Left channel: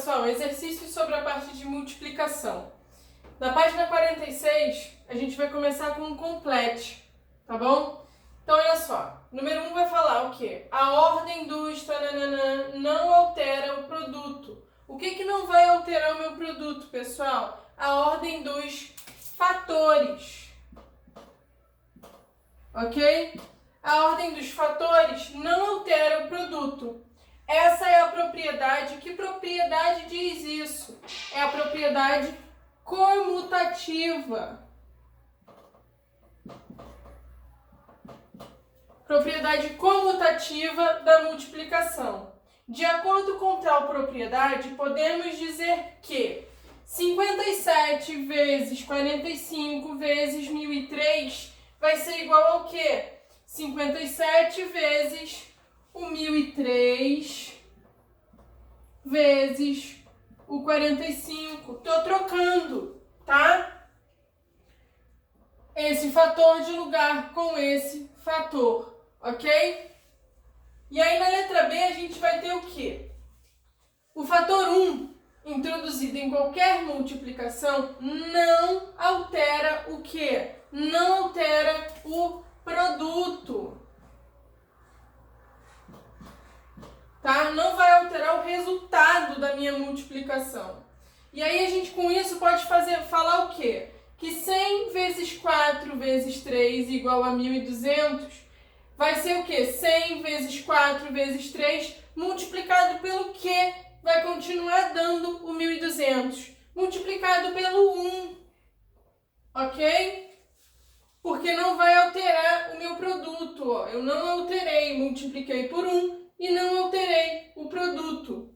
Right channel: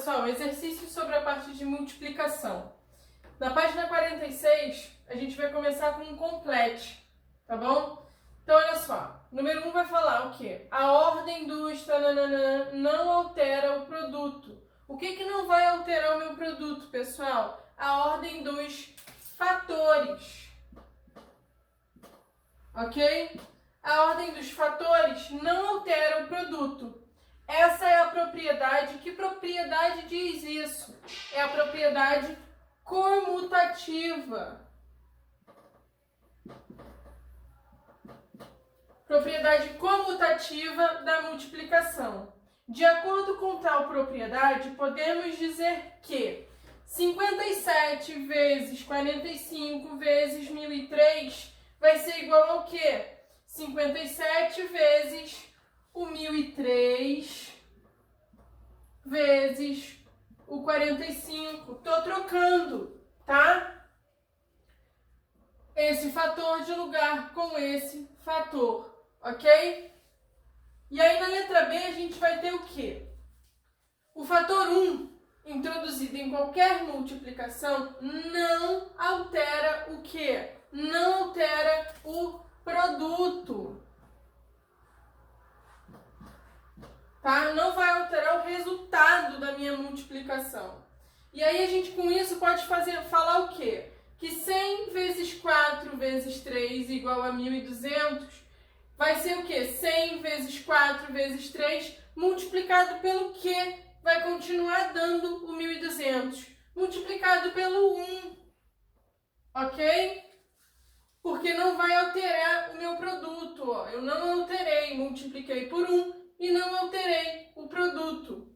pessoal, exercícios sobre a parte de multiplicação. Na página 46, a gente vai começar com um complete, tá bom? Então, olha só, número 1 vai falar o quê? A ordem dos tananana não altera o produto. O que não vai alterar o meu produto, pessoal? A ordem dos fatores, ok? A ordem dos fatores não altera o produto. Essa é a propriedade. Que propriedade diz isso? É a propriedade comutativa. Propriedade comutativa da multiplicação. De acordo com tal propriedade, podemos dizer que 57 vezes 45 vezes 1003 vai ser igual ao quê? 57 vezes o 1003 vezes o 45. Tô trocando, tá? Esse fator de lugar com esse fator, ok? E aí na letra B a gente vai ter o quê? O fator 1, introduzido em qualquer multiplicação, não altera o quê? Não altera o produto. Tá? Não vai alterar o resultado da minha multiplicação. E aí a gente com isso pode falar o quê? Que 100 vezes 4 vezes 3 igual a 1.200 vai ser o quê? 100 vezes 4 vezes 3 multiplicado pelo quê? Vai continuar dando o 1.200. Multiplicado pelo 1. Ok? Porque não vai alterar o meu produto. Ó. Eu não alterei, multipliquei por 1 e não alterei o produto.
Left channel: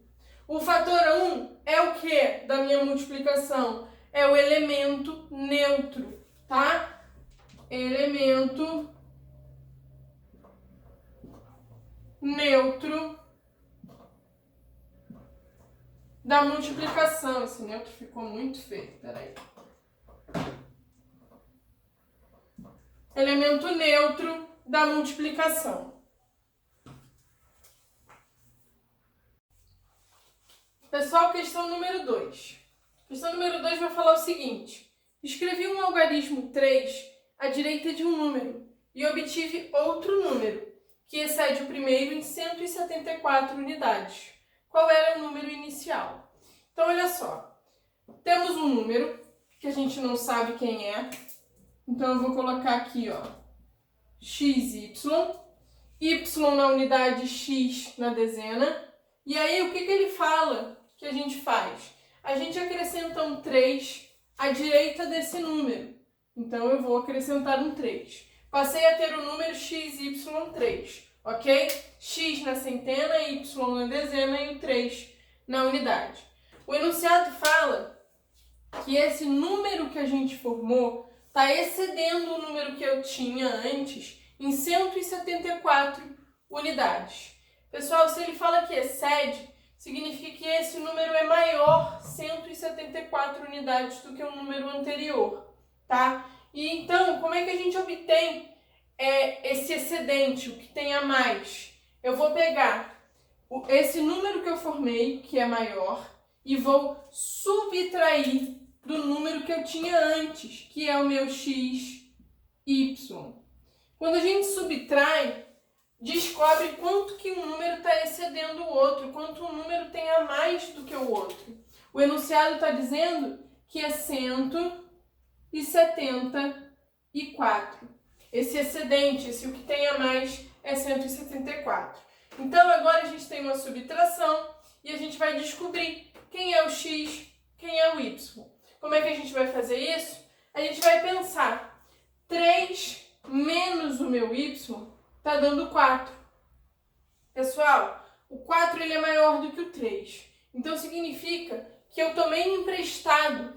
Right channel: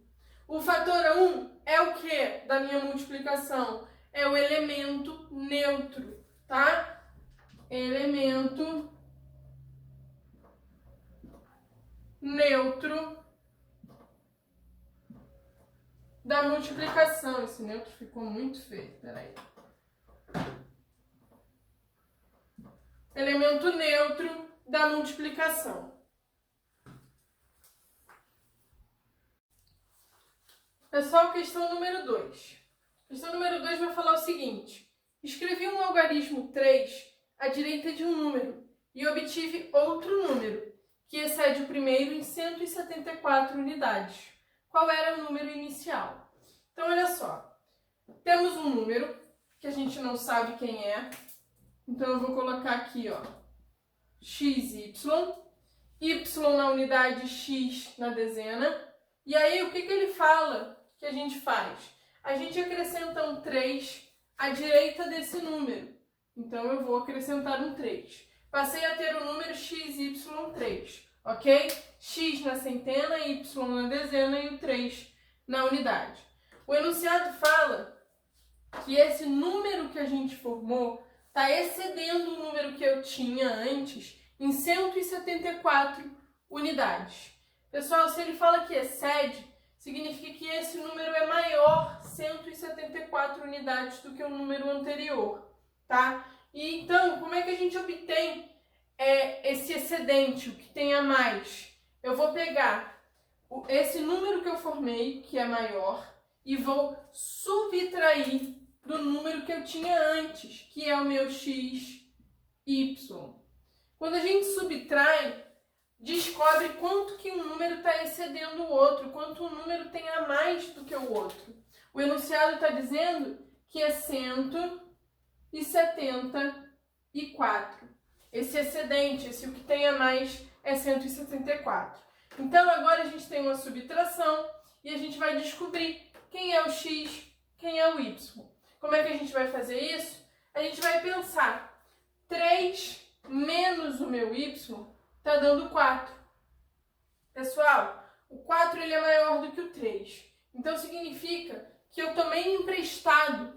O fator 1 é o que da minha multiplicação? É o elemento neutro, tá? Elemento neutro da multiplicação. Esse neutro ficou muito feio, peraí. Elemento neutro da multiplicação. Pessoal, questão número 2. Questão número 2 vai falar o seguinte. Escrevi um algarismo 3 à direita de um número e obtive outro número, que excede o primeiro em 174 unidades. Qual era o número inicial? Então, olha só. Temos um número que a gente não sabe quem é. Então, eu vou colocar aqui, ó, xy, y na unidade x na dezena. E aí, o que ele fala que a gente faz? A gente acrescenta um 3 à direita desse número. Então, eu vou acrescentar um 3. Passei a ter o número xy3, ok? X na centena, y na dezena e o 3 na unidade. O enunciado fala que esse número que a gente formou está excedendo o número que eu tinha antes em 174 unidades. Pessoal, se ele fala que excede, significa que esse número é maior 174 unidades do que o número anterior, tá? E então, como é que a gente obtém esse excedente, o que tem a mais? Eu vou pegar esse número que eu formei, que é maior, e vou subtrair do número que eu tinha antes, que é o meu x, y. Quando a gente subtrai, descobre quanto que um número está excedendo o outro, quanto um número tem a mais do que o outro. O enunciado está dizendo que é 174. Esse excedente, esse o que tem a mais, é 174. Então, agora a gente tem uma subtração e a gente vai descobrir quem é o x, quem é o y. Como é que a gente vai fazer isso? A gente vai pensar, 3 menos o meu y está dando 4. Pessoal, o 4 ele é maior do que o 3. Então, significa que eu tomei emprestado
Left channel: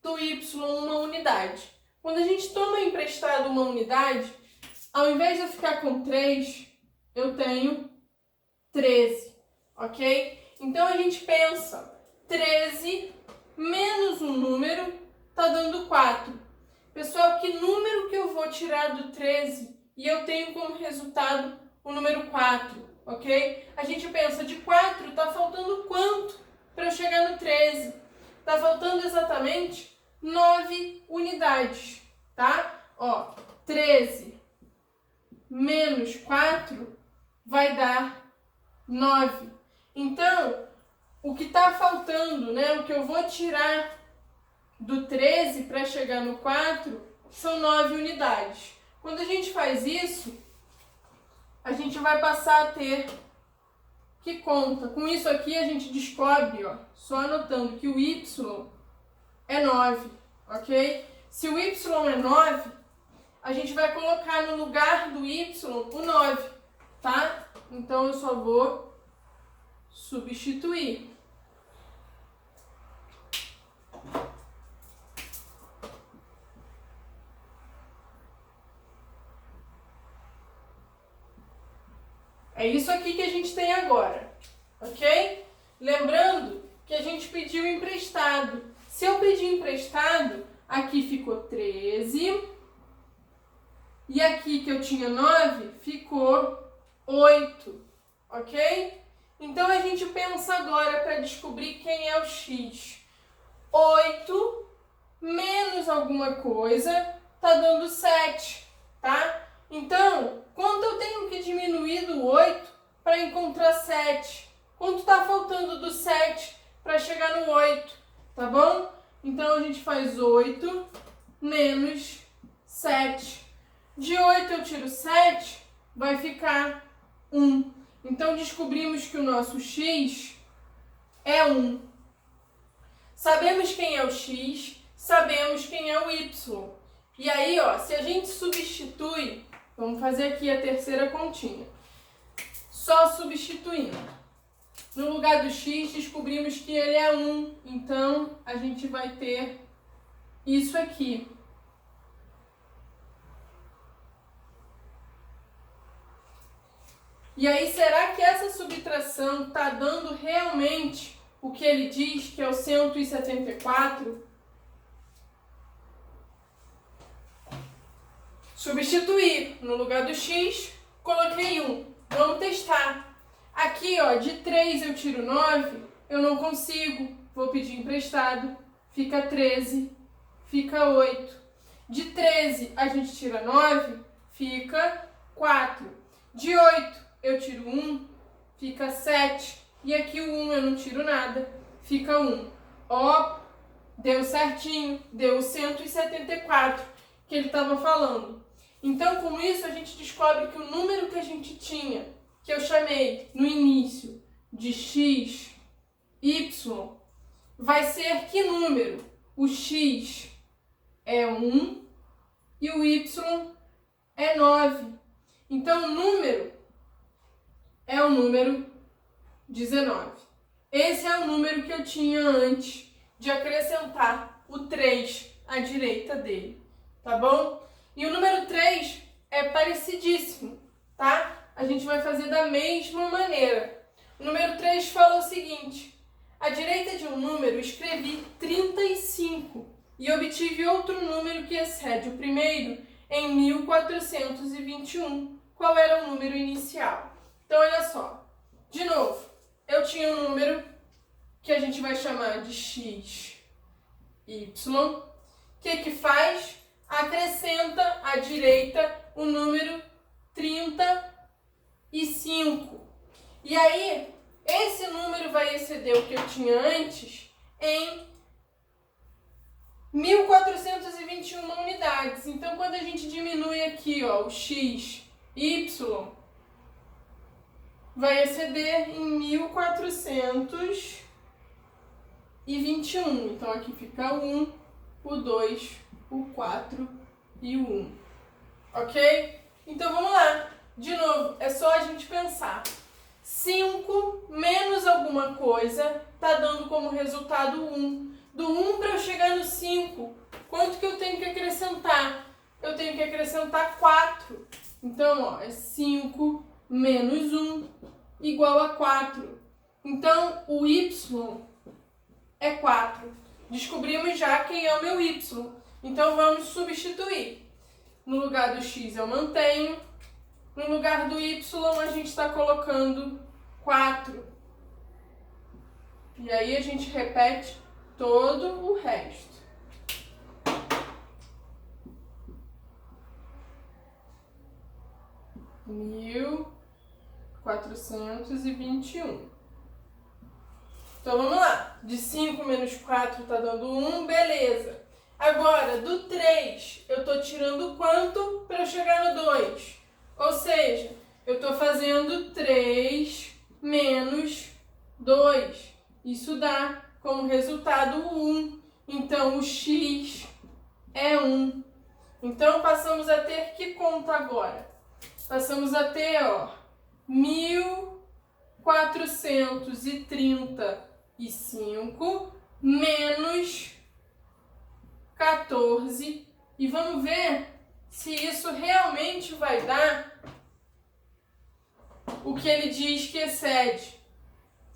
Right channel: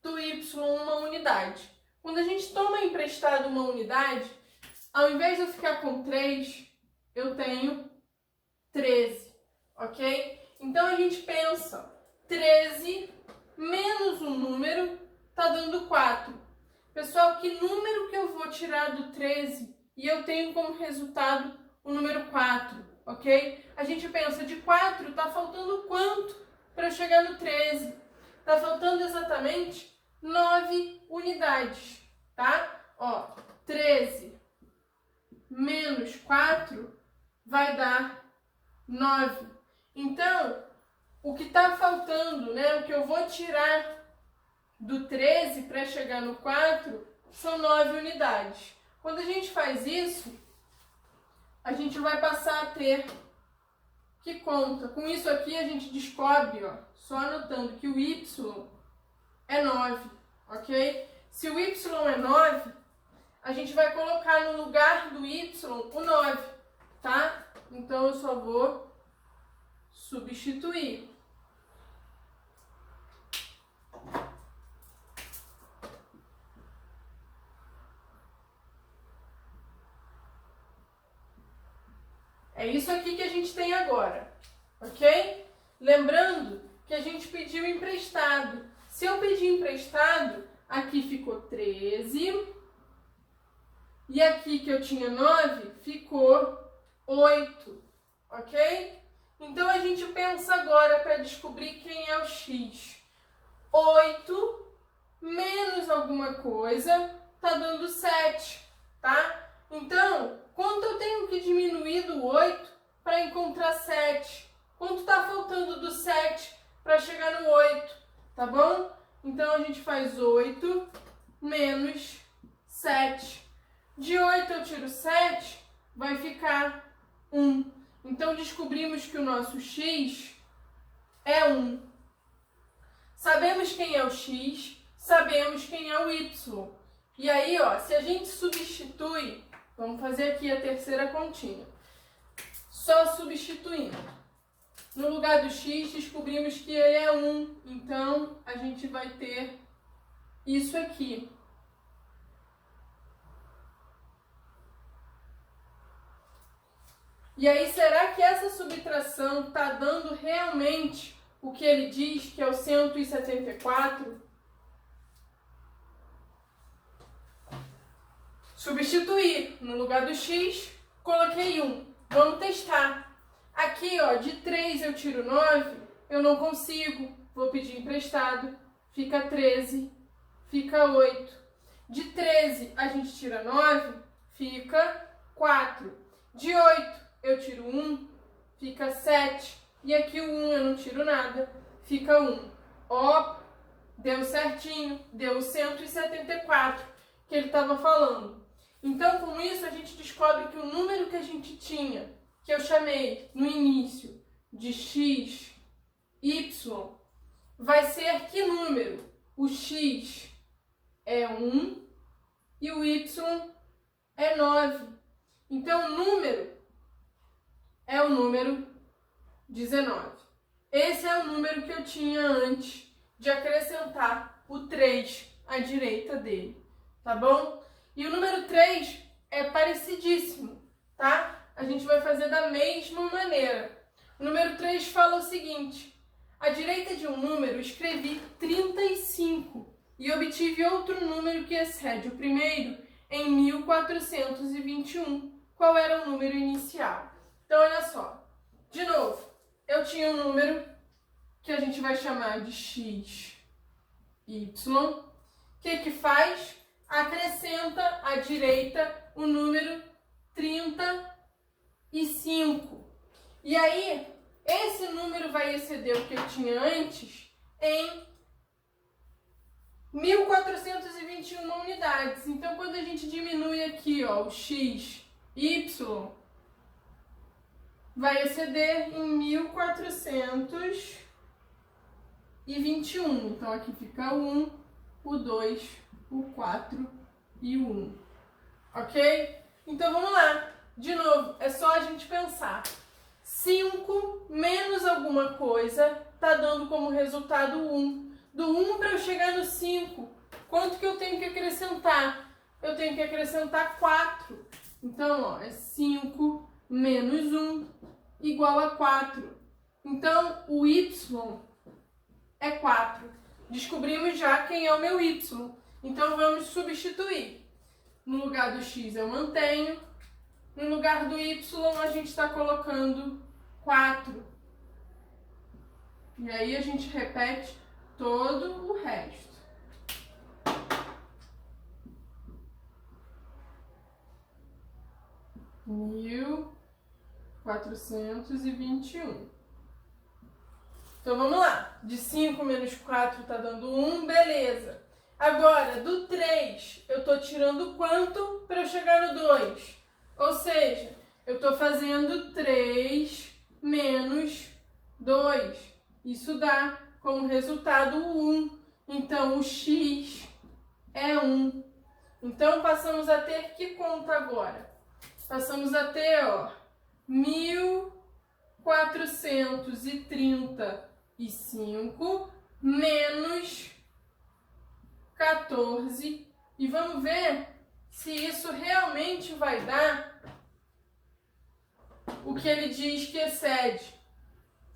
do y uma unidade. Quando a gente toma emprestado uma unidade, ao invés de eu ficar com 3, eu tenho 13, ok? Então, a gente pensa, 13 menos um número está dando 4. Pessoal, que número que eu vou tirar do 13 e eu tenho como resultado o número 4, ok? A gente pensa, de 4 está faltando quanto para eu chegar chegar no 13. Tá faltando exatamente 9 unidades, tá? Ó, 13 menos 4 vai dar 9. Então, o que tá faltando, né? O que eu vou tirar do 13 para chegar no 4 são 9 unidades. Quando a gente faz isso, a gente vai passar a ter que conta. Com isso aqui a gente descobre, ó, só anotando que o y é 9, ok? Se o y é 9, a gente vai colocar no lugar do y o 9, tá? Então eu só vou substituir. É isso aqui que a gente tem agora, ok? Lembrando que a gente pediu emprestado. Se eu pedir emprestado, aqui ficou 13. E aqui que eu tinha 9, ficou 8, ok? Então a gente pensa agora para descobrir quem é o x. 8 menos alguma coisa tá dando 7, tá? Então, quanto eu tenho que diminuir do 8 para encontrar 7? Quanto está faltando do 7 para chegar no 8, tá bom? Então, a gente faz 8 menos 7. De 8 eu tiro 7, vai ficar 1. Então, descobrimos que o nosso x é 1. Sabemos quem é o x, sabemos quem é o y. E aí, ó, se a gente substitui, vamos fazer aqui a terceira continha. Só substituindo. No lugar do x, descobrimos que ele é 1. Então, a gente vai ter isso aqui. E aí, será que essa subtração está dando realmente o que ele diz, que é o 174? Substituir. No lugar do x, coloquei 1. Vamos testar. Aqui, ó, de 3 eu tiro 9, eu não consigo. Vou pedir emprestado. Fica 13, fica 8. De 13 a gente tira 9, fica 4. De 8 eu tiro 1, fica 7. E aqui o 1 eu não tiro nada, fica 1. Ó, deu certinho, deu 174 que ele estava falando. Então, com isso, a gente descobre que o número que a gente tinha, que eu chamei no início de x, y, vai ser que número? O x é 1 e o y é 9. Então, o número é o número 19. Esse é o número que eu tinha antes de acrescentar o 3 à direita dele, tá bom? E o número 3 é parecidíssimo, tá? A gente vai fazer da mesma maneira. O número 3 fala o seguinte: à direita de um número escrevi 35 e obtive outro número que excede o primeiro em 1421. Qual era o número inicial? Então, olha só. De novo, eu tinha um número que a gente vai chamar de x, y. O que faz? Acrescenta à direita o número 35. E aí, esse número vai exceder o que eu tinha antes em 1421 unidades. Então, quando a gente diminui aqui, ó, o x, y, vai exceder em 1421. Então, aqui fica o 1, o 2, o 4 e o 1. Ok? Então, vamos lá. De novo, é só a gente pensar. 5 menos alguma coisa está dando como resultado 1. Do 1 para eu chegar no 5, quanto que eu tenho que acrescentar? Eu tenho que acrescentar 4. Então, ó, é 5 menos 1 igual a 4. Então, o y é 4. Descobrimos já quem é o meu y. Então, vamos substituir. No lugar do x eu mantenho. No lugar do y a gente está colocando 4. E aí a gente repete todo o resto. Mil 421. Então vamos lá. De 5 menos 4 tá dando 1, beleza. Agora, do 3, eu tô tirando quanto para eu chegar no 2? Ou seja, eu tô fazendo 3 menos 2. Isso dá como resultado 1. Então, o x é 1. Então, passamos a ter que conta agora? Passamos a ter, ó, 1435 menos 14. E vamos ver se isso realmente vai dar o que ele diz que excede,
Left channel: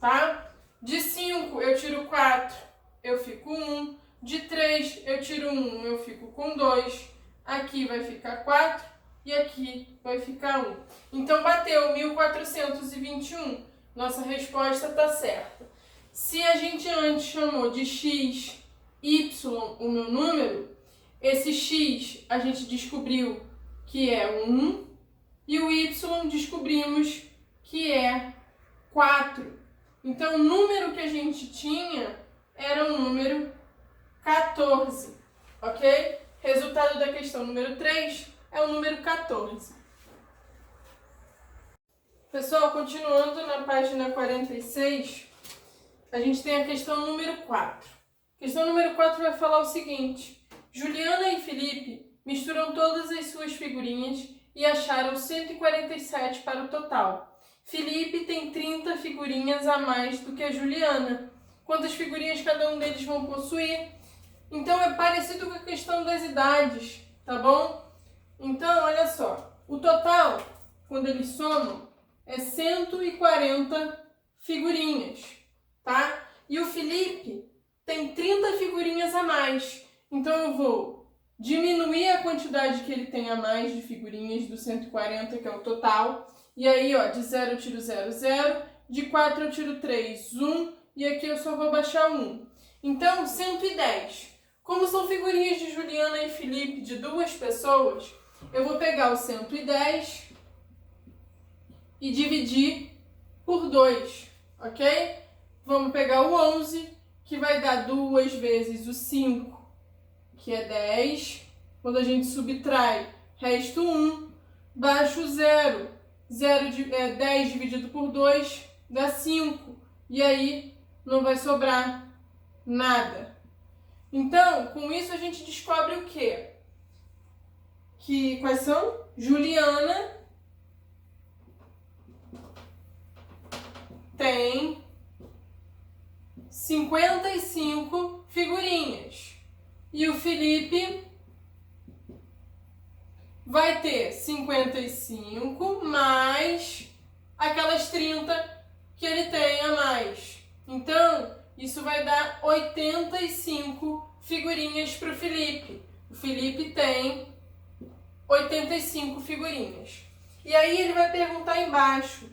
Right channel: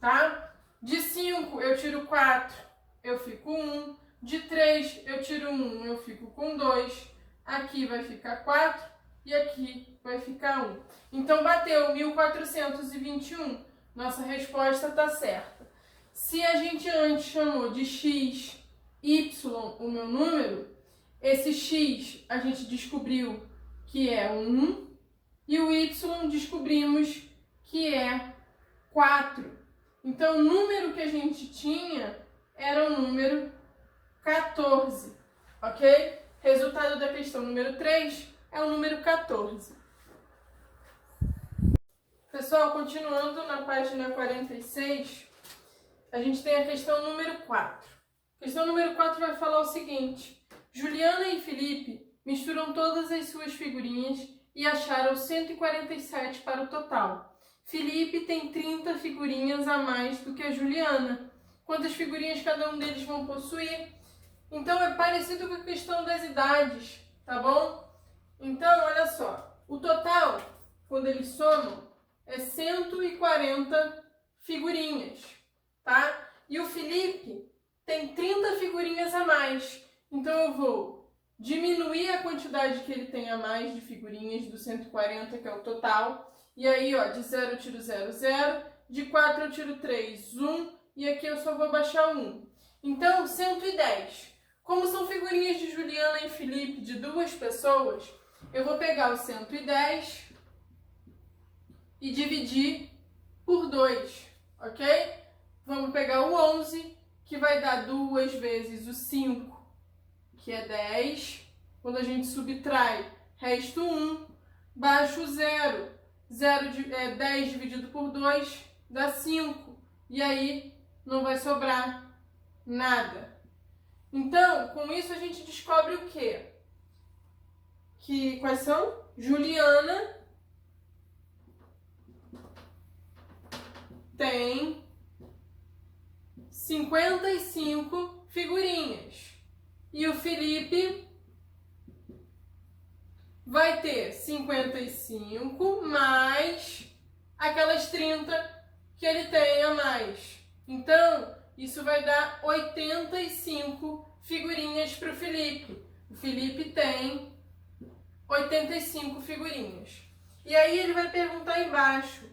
tá? De 5 eu tiro 4, eu fico 1. De 3 eu tiro 1, eu fico com 2. Aqui vai ficar 4 e aqui vai ficar 1. Então bateu 1421. Nossa resposta está certa. Se a gente antes chamou de x, y o meu número, esse x a gente descobriu que é 1 e o y descobrimos que é 4. Então, o número que a gente tinha era o número 14, ok? Resultado da questão número 3 é o número 14. Pessoal, continuando na página 46, a gente tem a questão número 4. A questão número 4 vai falar o seguinte: Juliana e Felipe misturam todas as suas figurinhas e acharam 147 para o total. Felipe tem 30 figurinhas a mais do que a Juliana. Quantas figurinhas cada um deles vão possuir? Então, é parecido com a questão das idades, tá bom? Então, olha só. O total, quando eles somam, é 140 figurinhas, tá? E o Felipe tem 30 figurinhas a mais. Então, eu vou diminuir a quantidade que ele tem a mais de figurinhas do 140, que é o total. E aí, ó, de 0 eu tiro 0, 0. De 4 eu tiro 3, 1. E aqui eu só vou baixar 1. Então, 110. Como são figurinhas de Juliana e Felipe de duas pessoas, eu vou pegar o 110 e dividir por 2, ok? Vamos pegar o 11, que vai dar 2 vezes o 5, que é 10. Quando a gente subtrai, resta 1, baixo 0. 10 dividido por 2 dá 5. E aí não vai sobrar nada. Então, com isso a gente descobre o quê? Quais são? Juliana tem 55 figurinhas. E o Felipe vai ter 55 mais aquelas 30 que ele tem a mais. Então, isso vai dar 85 figurinhas para o Felipe. O Felipe tem 85 figurinhas. E aí ele vai perguntar embaixo:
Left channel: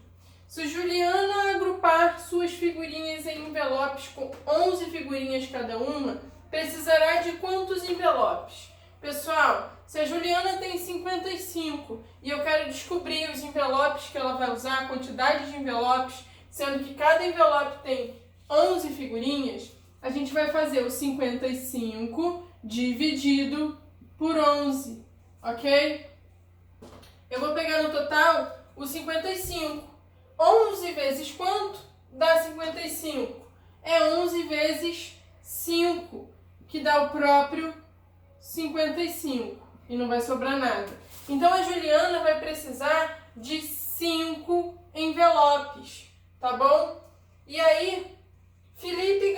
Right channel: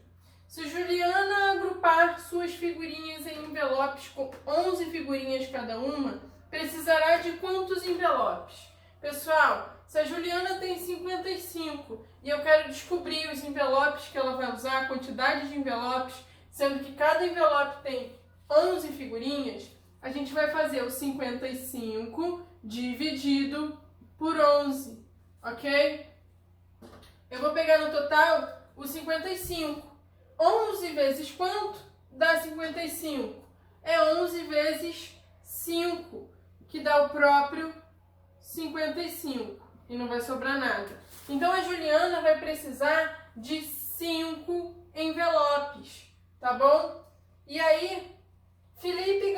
se Juliana agrupar suas figurinhas em envelopes com 11 figurinhas cada uma, precisará de quantos envelopes? Pessoal, se a Juliana tem 55 e eu quero descobrir os envelopes que ela vai usar, a quantidade de envelopes, sendo que cada envelope tem 11 figurinhas, a gente vai fazer o 55 dividido por 11, ok? Eu vou pegar no total o 55. 11 vezes quanto? Dá 55. É 11 vezes 5, que dá o próprio 55. E não vai sobrar nada. Então, a Juliana vai precisar de 5 envelopes, tá bom? E aí, Felipe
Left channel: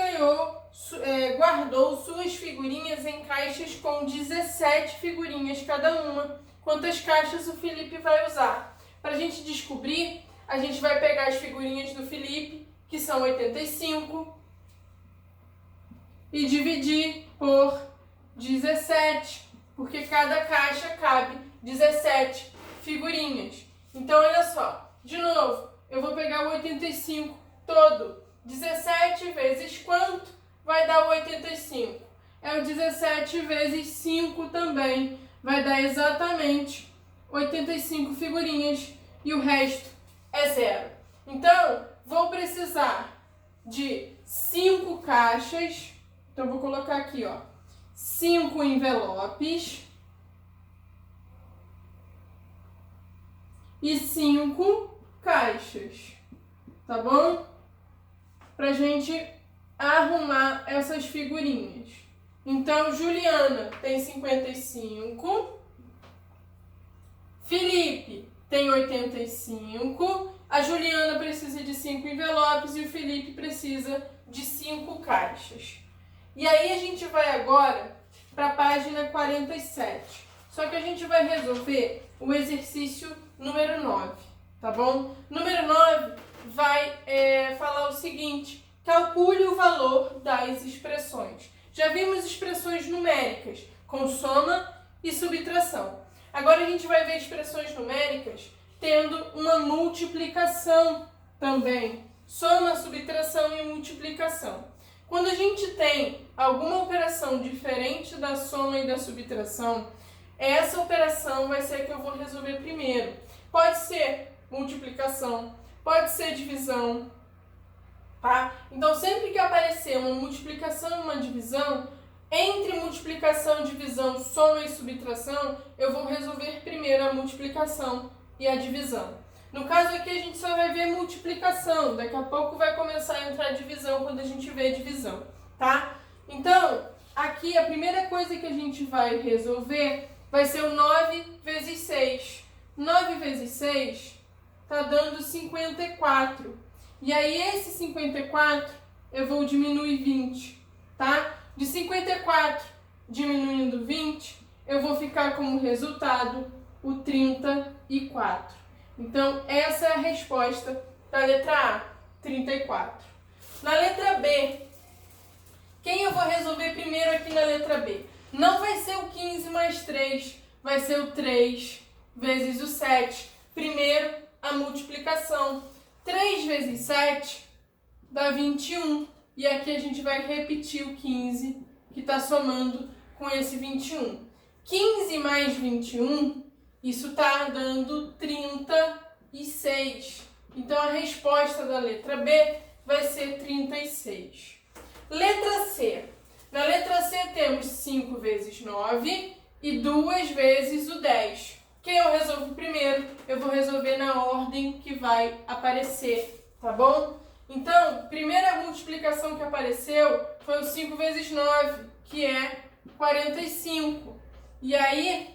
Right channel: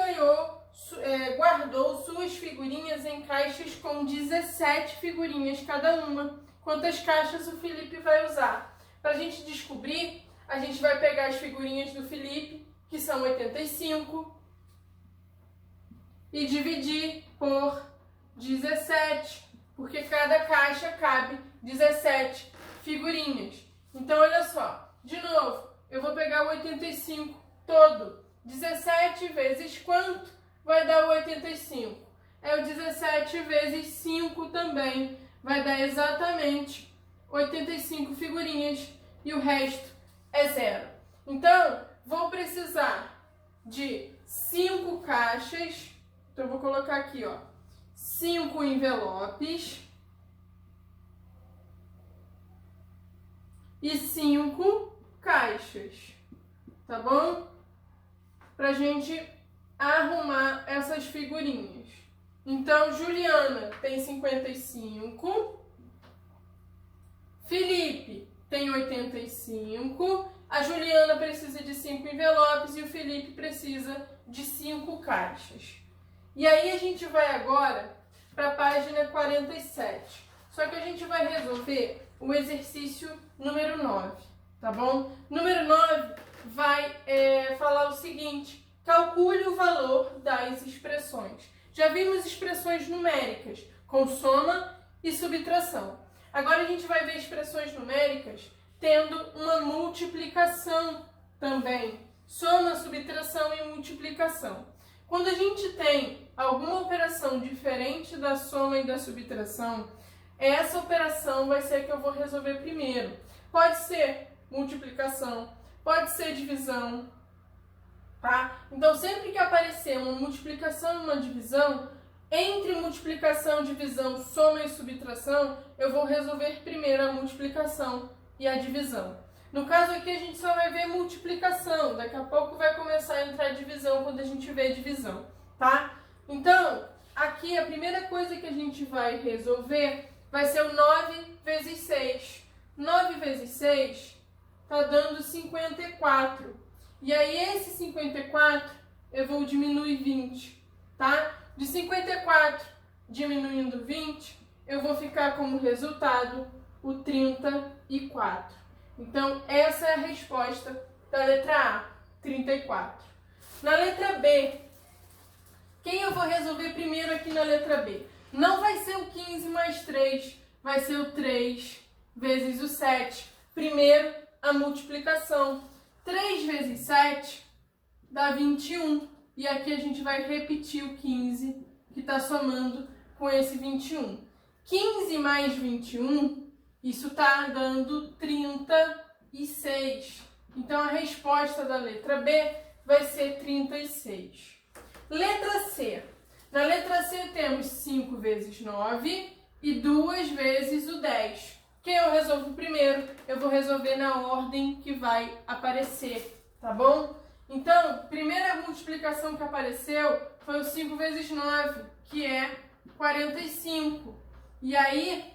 guardou suas figurinhas em caixas com 17 figurinhas cada uma. Quantas caixas o Felipe vai usar? Para a gente descobrir, a gente vai pegar as figurinhas do Felipe, que são 85, e dividir por 17, porque cada caixa cabe 17 figurinhas. Então, olha só, de novo, eu vou pegar o 85 todo 17 vezes quanto? Vai dar o 85. É o 17 vezes 5 também. Vai dar exatamente 85 figurinhas e o resto é zero. Então, vou precisar de 5 caixas. Então, vou colocar aqui, ó, 5 envelopes e 5 caixas, tá bom? Pra gente arrumar essas figurinhas. Então, Juliana tem 55, Felipe tem 85, a Juliana precisa de 5 envelopes e o Felipe precisa de 5 caixas. E aí a gente vai agora para a página 47. Só que a gente vai resolver o exercício número 9, tá bom? Número 9 vai falar o seguinte: calcule o valor das expressões. Já vimos expressões numéricas com soma e subtração. Agora a gente vai ver expressões numéricas tendo uma multiplicação também. Soma, subtração e multiplicação. Quando a gente tem alguma operação diferente da soma e da subtração, essa operação vai ser a que eu vou resolver primeiro. Pode ser multiplicação, pode ser divisão, tá? Então, sempre que aparecer uma multiplicação e uma divisão, entre multiplicação, divisão, soma e subtração, eu vou resolver primeiro a multiplicação e a divisão. No caso aqui, a gente só vai ver multiplicação. Daqui a pouco vai começar a entrar a divisão quando a gente vê divisão, tá? Então, aqui a primeira coisa que a gente vai resolver vai ser o 9 vezes 6. 9 vezes 6 tá dando 54. E aí, esse 54 eu vou diminuir 20, tá? De 54 diminuindo 20, eu vou ficar como resultado o 34. Então, essa é a resposta da letra A, 34. Na letra B, quem eu vou resolver primeiro aqui na letra B? Não vai ser o 15 mais 3, vai ser o 3 vezes o 7. Primeiro, a multiplicação. 3 vezes 7 dá 21. E aqui a gente vai repetir o 15, que está somando com esse 21. 15 mais 21, isso está dando 36. Então, a resposta da letra B vai ser 36. Letra C. Na letra C temos 5 vezes 9 e 2 vezes o 10. Quem eu resolvo primeiro? Eu vou resolver na ordem que vai aparecer, tá bom? Então, primeira multiplicação que apareceu foi o 5 vezes 9, que é 45. E aí,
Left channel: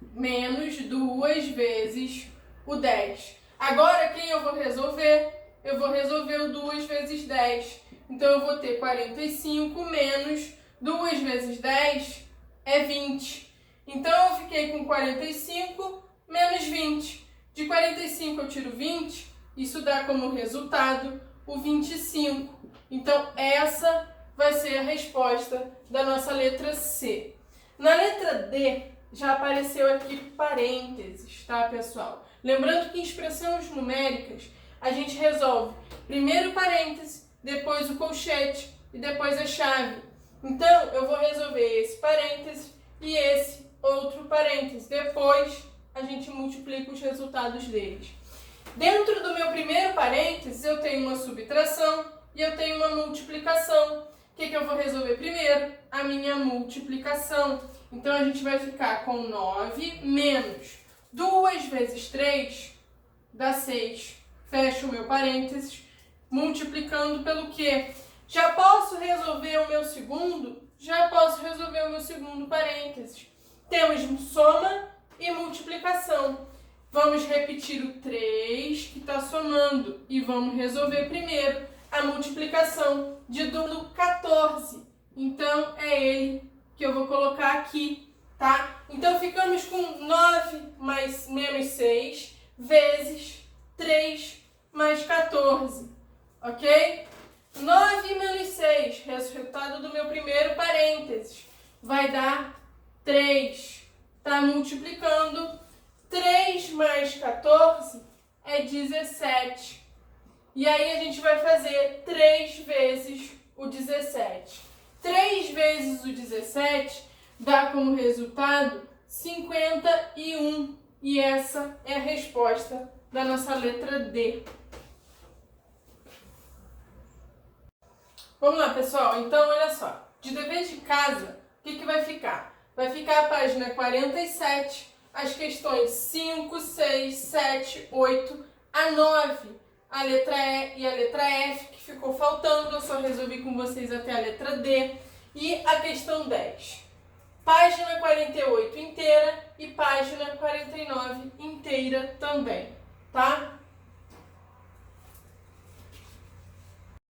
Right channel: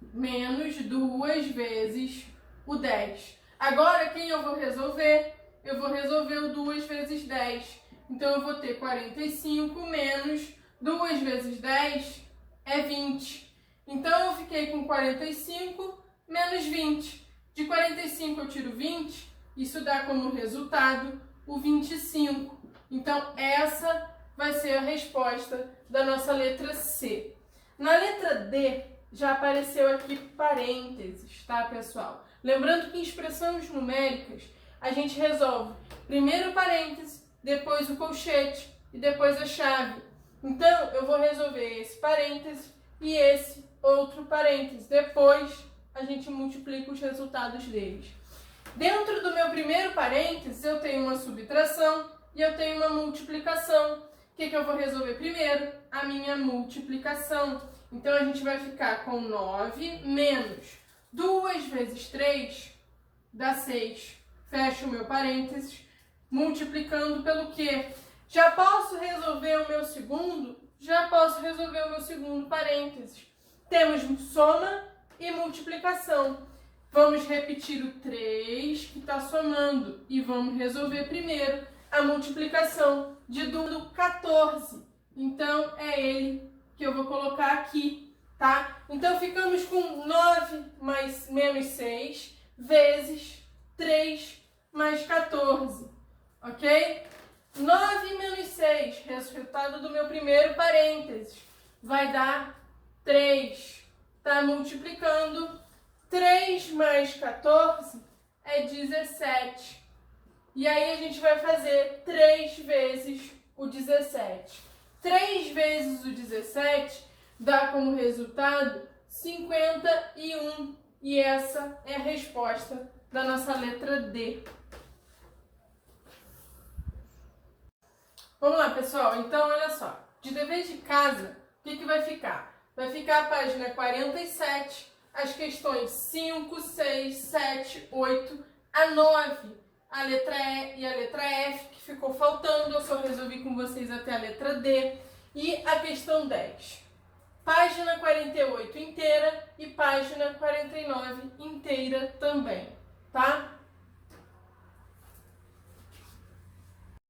menos 2 vezes o 10. Agora, quem eu vou resolver? Eu vou resolver o 2 vezes 10. Então, eu vou ter 45 menos 2 vezes 10 é 20. Então, eu fiquei com 45 menos 20. De 45 eu tiro 20, isso dá como resultado o 25. Então, essa vai ser a resposta da nossa letra C. Na letra D, já apareceu aqui parênteses, tá, pessoal? Lembrando que em expressões numéricas, a gente resolve primeiro o parêntese, depois o colchete e depois a chave. Então, eu vou resolver esse parêntese e esse outro parêntese. Depois, a gente multiplica os resultados deles. Dentro do meu primeiro parêntese, eu tenho uma subtração e eu tenho uma multiplicação. O que eu vou resolver primeiro? A minha multiplicação. Então, a gente vai ficar com 9 menos 2 vezes 3 dá 6. Fecho o meu parênteses, multiplicando pelo quê? Já posso resolver o meu segundo? Já posso resolver o meu segundo parênteses. Temos soma e multiplicação. Vamos repetir o 3 que está somando e vamos resolver primeiro a multiplicação de 2 no 14. Então, é ele que eu vou colocar aqui, tá? Então, ficamos com 9 mais menos 6 vezes 3 mais 14, ok? 9 menos 6, resultado do meu primeiro parênteses, vai dar 3. Tá multiplicando. 3 mais 14 é 17. E aí a gente vai fazer 3 vezes o 17. 3 vezes o 17 dá como resultado 51. E essa é a resposta da nossa letra D. Vamos lá, pessoal. Então, olha só. De dever de casa, o que vai ficar? Vai ficar a página 47, as questões 5, 6, 7, 8, a 9, a letra E e a letra F, que ficou faltando. Eu só resolvi com vocês até a letra D. E a questão 10. Página 48 inteira e página 49 inteira também, tá?